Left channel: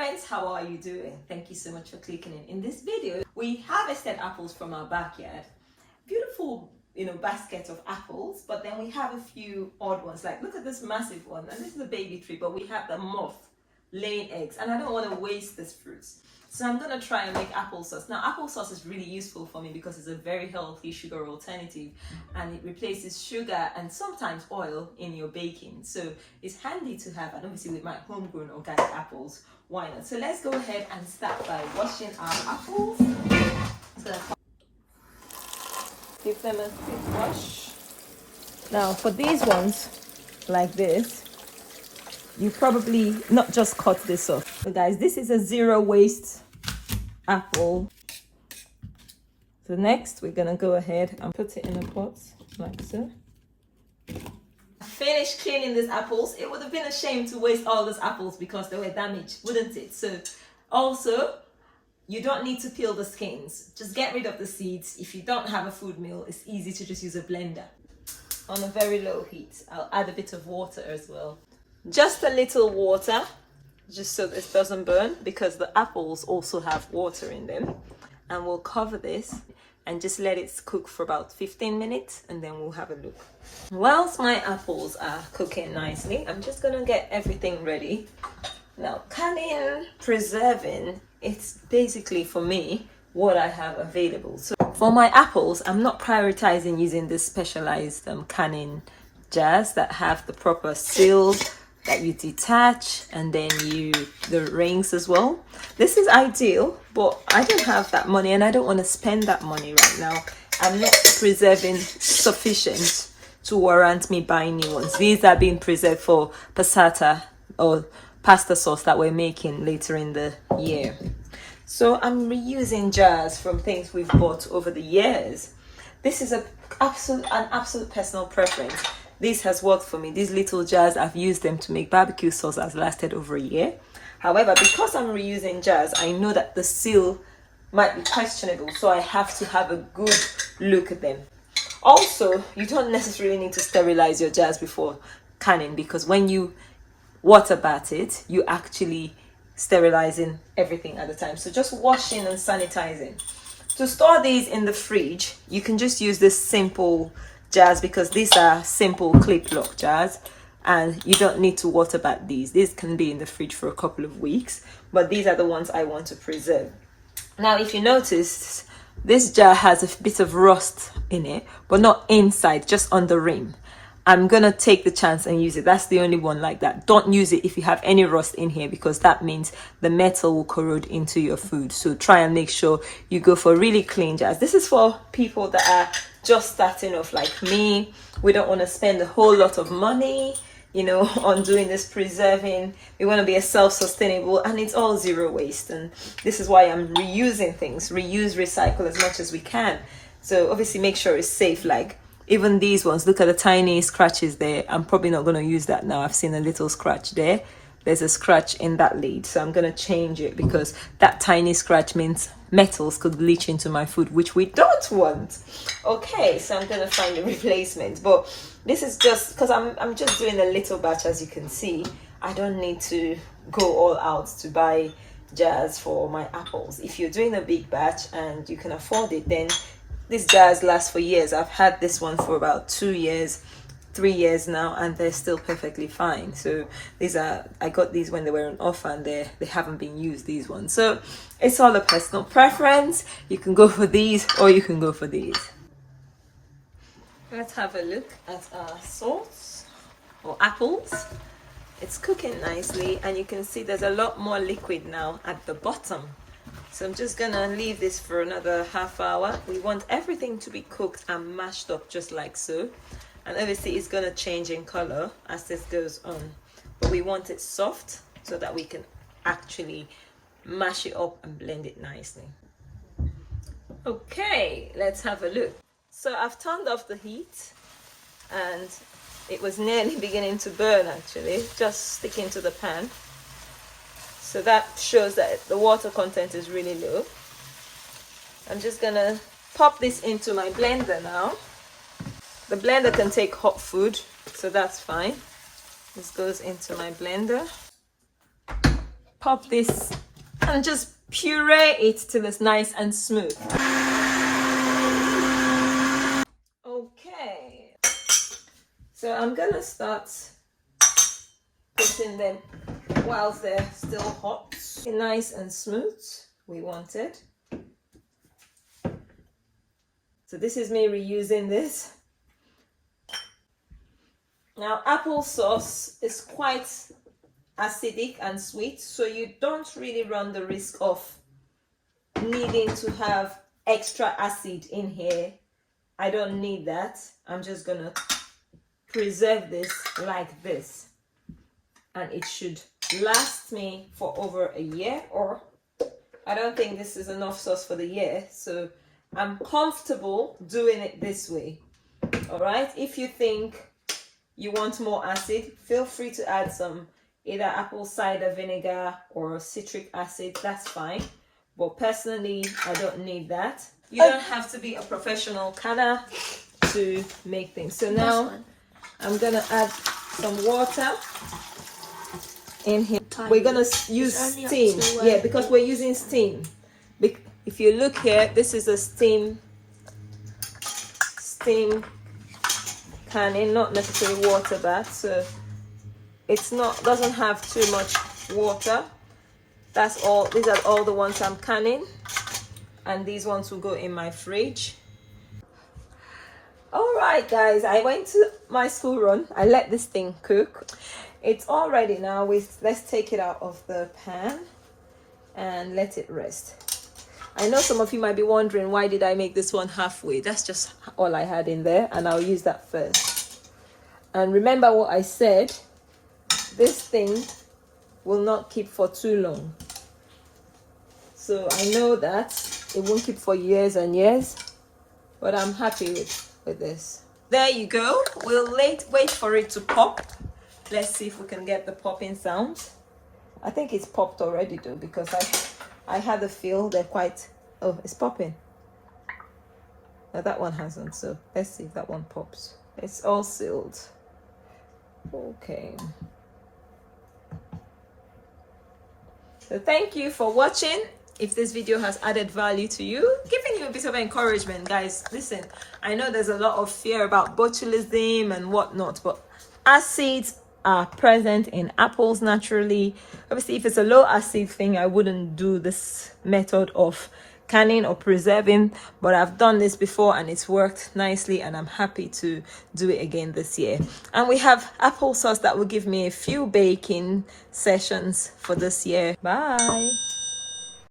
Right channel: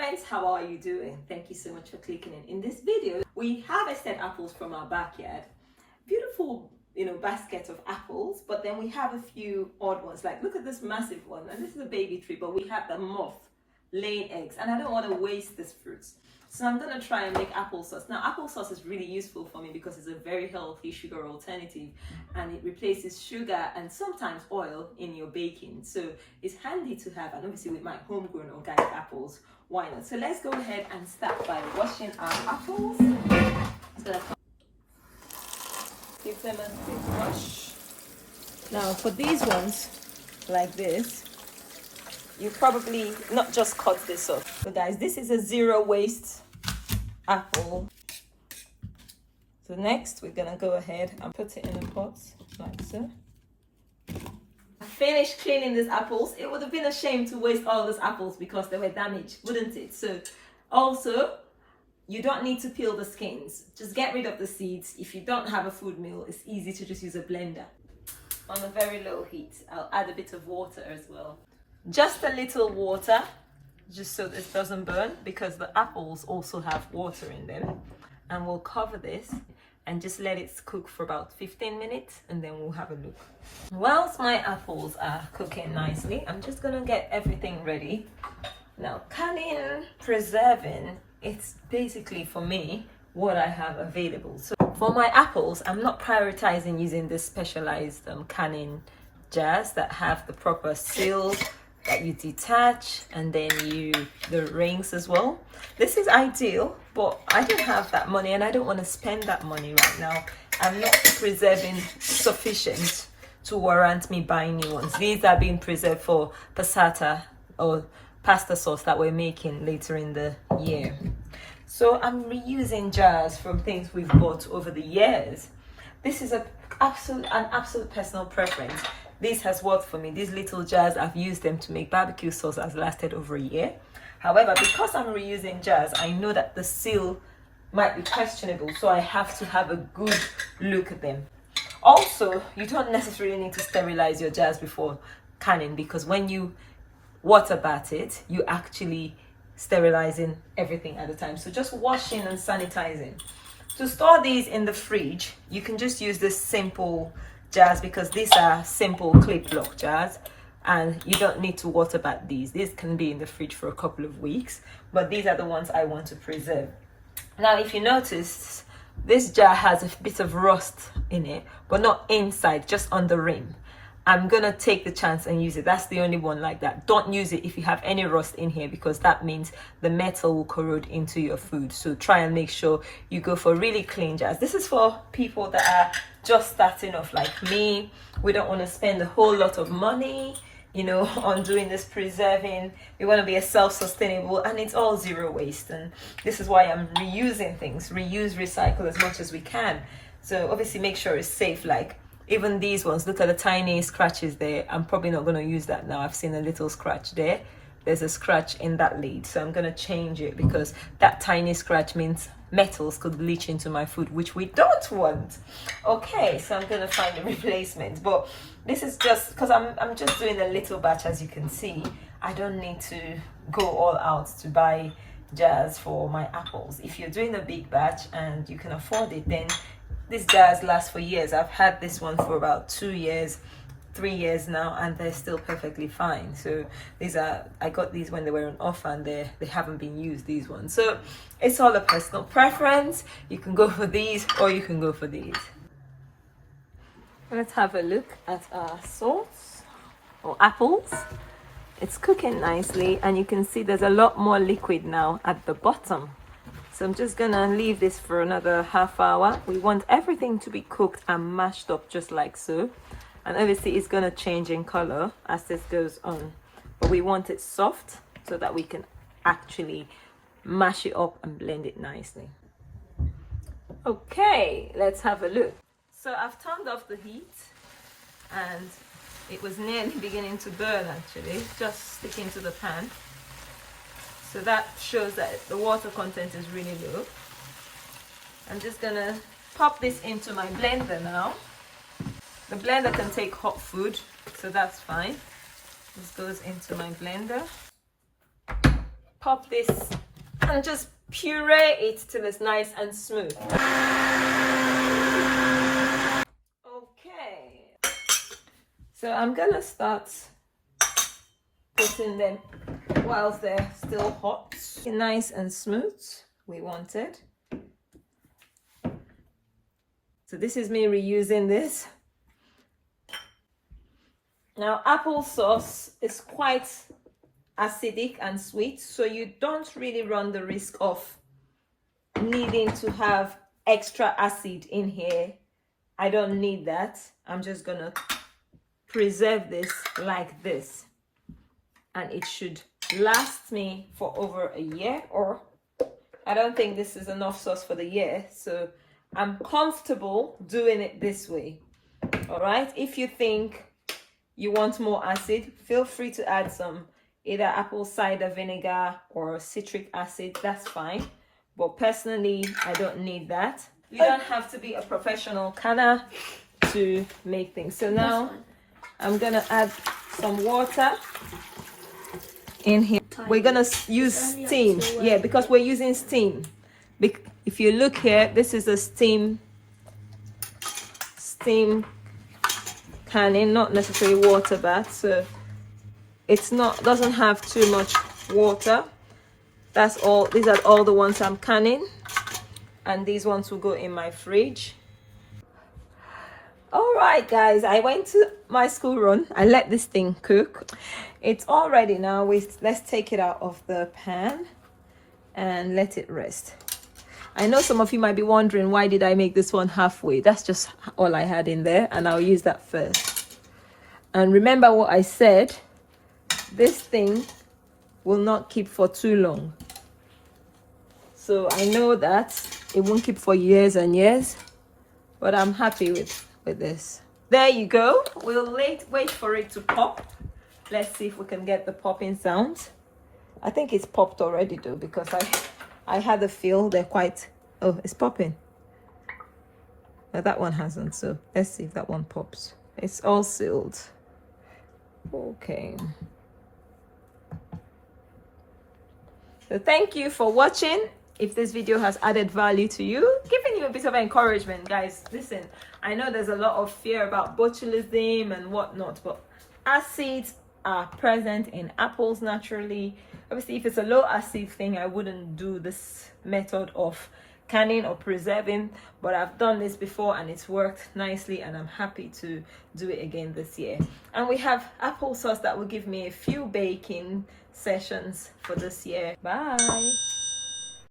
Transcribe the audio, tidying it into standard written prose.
friends, how are you doing? Thank you so much for clicking in. In this video, we harvested apples from our backyard. Beautiful, basket of apples, but then we have a few odd ones. Like, look at this massive one, and this is a baby tree, but we have the moth laying eggs, and I don't want to waste this fruit. So I'm gonna try and make applesauce. Now, applesauce is really useful for me because it's a very healthy sugar alternative, and it replaces sugar and sometimes oil in your baking. So it's handy to have, and obviously with my homegrown organic apples, why not? So let's go ahead and start by washing our apples. Just gonna give them a quick wash. Now, for these ones, like this, you probably not just cut this off. So guys, this is a zero waste apple. So next we're gonna go ahead and put it in a pot like so. I finished cleaning these apples. It would have been a shame to waste all those apples because they were damaged, wouldn't it? So also, you don't need to peel the skins. Just get rid of the seeds. If you don't have a food mill, it's easy to just use a blender. On a very low heat, I'll add a bit of water as well. Just a little water, just so this doesn't burn, because the apples also have water in them. And we'll cover this and just let it cook for about 15 minutes, and then we'll have a look. Whilst my apples are cooking nicely, I'm just gonna get everything ready. Now, canning, preserving, it's basically, for me, what I have available. So for my apples, I'm not prioritizing using this specialized canning jars that have the proper seal that you detach, and then the rings as well. This is ideal, but I don't have that money and I don't want to spend that money right now. I'm not preserving sufficient to warrant me buying new ones. These are being preserved for passata or pasta sauce that we're making later in the year. So I'm reusing jars from things we've bought over the years. This is an absolute personal preference. This has worked for me. These little jars, I've used them to make barbecue sauce that's lasted over a year. However, because I'm reusing jars, I know that the seal might be questionable, so I have to have a good look at them. Also, you don't necessarily need to sterilize your jars before canning, because when you water bath it, you actually sterilizing everything at the time. So just washing and sanitizing. To store these in the fridge, you can just use this simple jars, because these are simple clip lock jars and you don't need to water bath these. These can be in the fridge for a couple of weeks, but these are the ones I want to preserve. Now, if you notice, this jar has a bit of rust in it, but not inside, just on the rim. I'm gonna take the chance and use it. That's the only one like that. Don't use it if you have any rust in here, because that means the metal will corrode into your food. So try and make sure you go for really clean jars. This is for people that are just starting off like me. We don't want to spend a whole lot of money, on doing this preserving. We want to be a self-sustainable, and it's all zero waste. And this is why I'm reusing things. Reuse, recycle as much as we can. So obviously make sure it's safe. Like, even these ones, look at the tiny scratches there. I'm probably not going to use that now. I've seen a little scratch there. There's a scratch in that lid, so I'm going to change it, because that tiny scratch means metals could leach into my food, which we don't want. Okay, so I'm going to find a replacement, but this is just because I'm just doing a little batch. As you can see, I don't need to go all out to buy jars for my apples. If you're doing a big batch and you can afford it, then these jars last for years. I've had this one for about 2 years, 3 years now, and they're still perfectly fine. So I got these when they were on offer, and they haven't been used, these ones. So it's all a personal preference. You can go for these or you can go for these. Let's have a look at our sauce or apples. It's cooking nicely, and you can see there's a lot more liquid now at the bottom. So I'm just gonna leave this for another half hour. We want everything to be cooked and mashed up just like so. And obviously it's gonna change in color as this goes on. But we want it soft so that we can actually mash it up and blend it nicely. Okay, let's have a look. So I've turned off the heat, and it was nearly beginning to burn actually, just sticking to the pan. So that shows that the water content is really low. I'm just gonna pop this into my blender now. The blender can take hot food, so that's fine. This goes into my blender. pop this and just puree it till it's nice and smooth. Okay, so I'm gonna start putting them whilst they're still hot. Nice and smooth, we want it. So this is me reusing this. Now, applesauce is quite acidic and sweet, so you don't really run the risk of needing to have extra acid in here. I don't need that. I'm just gonna preserve this like this, and it should last me for over a year, or I don't think this is enough sauce for the year, so I'm comfortable doing it this way. All right, if you think you want more acid, feel free to add some either apple cider vinegar or citric acid, that's fine, but personally I don't need that. You don't have to be a professional canner to make things. So now I'm gonna add some water in here. We're gonna use steam, yeah, because we're using steam. If you look here, this is a steam canning, not necessarily water bath, so it's not, doesn't have too much water. That's all. These are all the ones I'm canning, and these ones will go in my fridge. All right, guys, I went to my school run. I let this thing cook. It's all ready now. Let's take it out of the pan and let it rest. I know some of you might be wondering, why did I make this one halfway? That's just all I had in there, and I'll use that first. And remember what I said, this thing will not keep for too long. So I know that it won't keep for years and years, but I'm happy with this. There you go. We'll wait for it to pop. Let's see if we can get the popping sound. I think it's popped already though, because I had a feel they're quite, oh, it's popping. Now that one hasn't, so let's see if that one pops. It's all sealed. Okay. So thank you for watching. If this video has added value to you, giving you a bit of encouragement, guys, listen, I know there's a lot of fear about botulism and whatnot, but acids are present in apples naturally. Obviously, if it's a low acid thing, I wouldn't do this method of canning or preserving, but I've done this before and it's worked nicely, and I'm happy to do it again this year. And we have applesauce that will give me a few baking sessions for this year. Bye.